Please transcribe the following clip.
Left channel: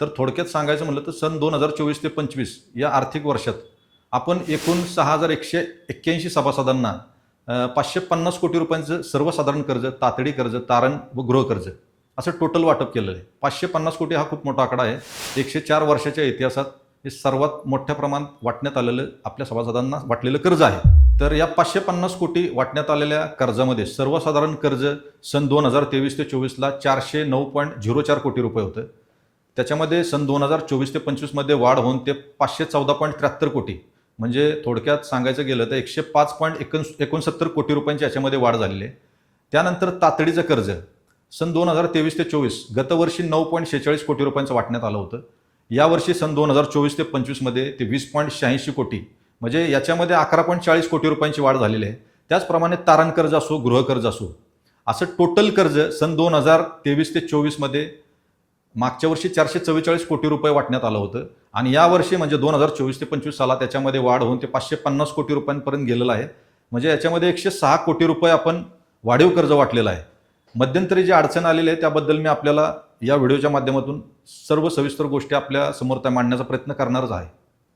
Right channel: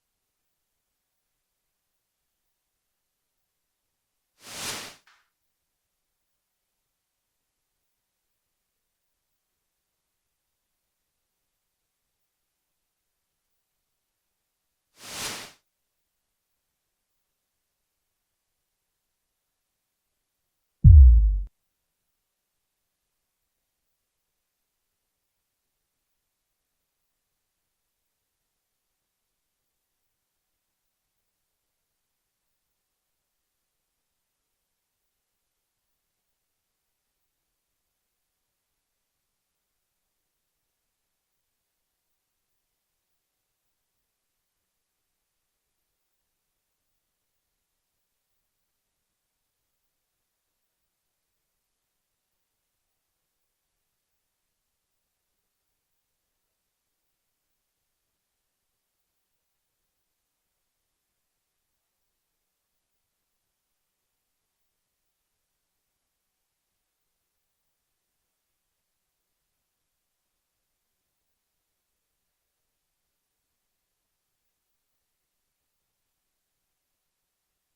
तर थोडक्यात सांगायचं म्हटलं तर सन 2024 ते 25 या आर्थिक वर्षात आपण एकूण 6,181 सभासदांना 550 कोटी रुपयांचं सर्वसाधारण कर्ज, तातडी कर्ज, तारण व गृहकर्ज असं टोटल वाटप केलेलं आहे. 550 कोटी हा खूप मोठा आकडा आहे. 104 वर्षाच्या इतिहासात हे सर्वात मोठ्या प्रमाणात वाटण्यात आलेलं आपल्या सभासदांना वाटलेलं कर्ज आहे. तर या 550 कोटी वाटण्यात आलेल्या कर्जामध्ये सर्वसाधारण कर्ज सन 2023 ते 24ला 409.04 कोटी रुपये होतं. त्याच्यामध्ये सन 2024 ते 25मध्ये वाढ होऊन ते 514.73 कोटी म्हणजे थोडक्यात सांगायचं गेलं तर 105.69 कोटी रुपयांची याच्यामध्ये वाढ झालेली आहे. त्यानंतर तातडीचं कर्ज सन 2023 ते 24 गतवर्षी 9.46 कोटी रुपयांचं वाटण्यात आलं होतं. यावर्षी सन 2024 ते 25मध्ये ते 20.86 कोटी म्हणजे याच्यामध्ये 11.40 कोटी रुपयांची वाढ झालेली आहे. त्याचप्रमाणे तारण कर्ज असो, गृहकर्ज असो, असं टोटल कर्ज सन 2023 ते 24मध्ये मागच्या वर्षी 444 कोटी रुपये वाटण्यात आलं होतं आणि यावर्षी म्हणजे 2024 ते 25 साला त्याच्यामध्ये वाढ होऊन ते 550 कोटी रुपयांपर्यंत गेलेलं आहे. म्हणजे याच्यामध्ये 106 कोटी रुपये आपण वाढीव कर्ज वाटलेलं आहे. मध्यंतरी जी अडचण आलेली आहे त्याबद्दल मी आपल्याला या व्हिडिओच्या माध्यमातून सर्व सविस्तर गोष्टी आपल्या समोर त्या मांडण्याचा प्रयत्न करणारच आहे.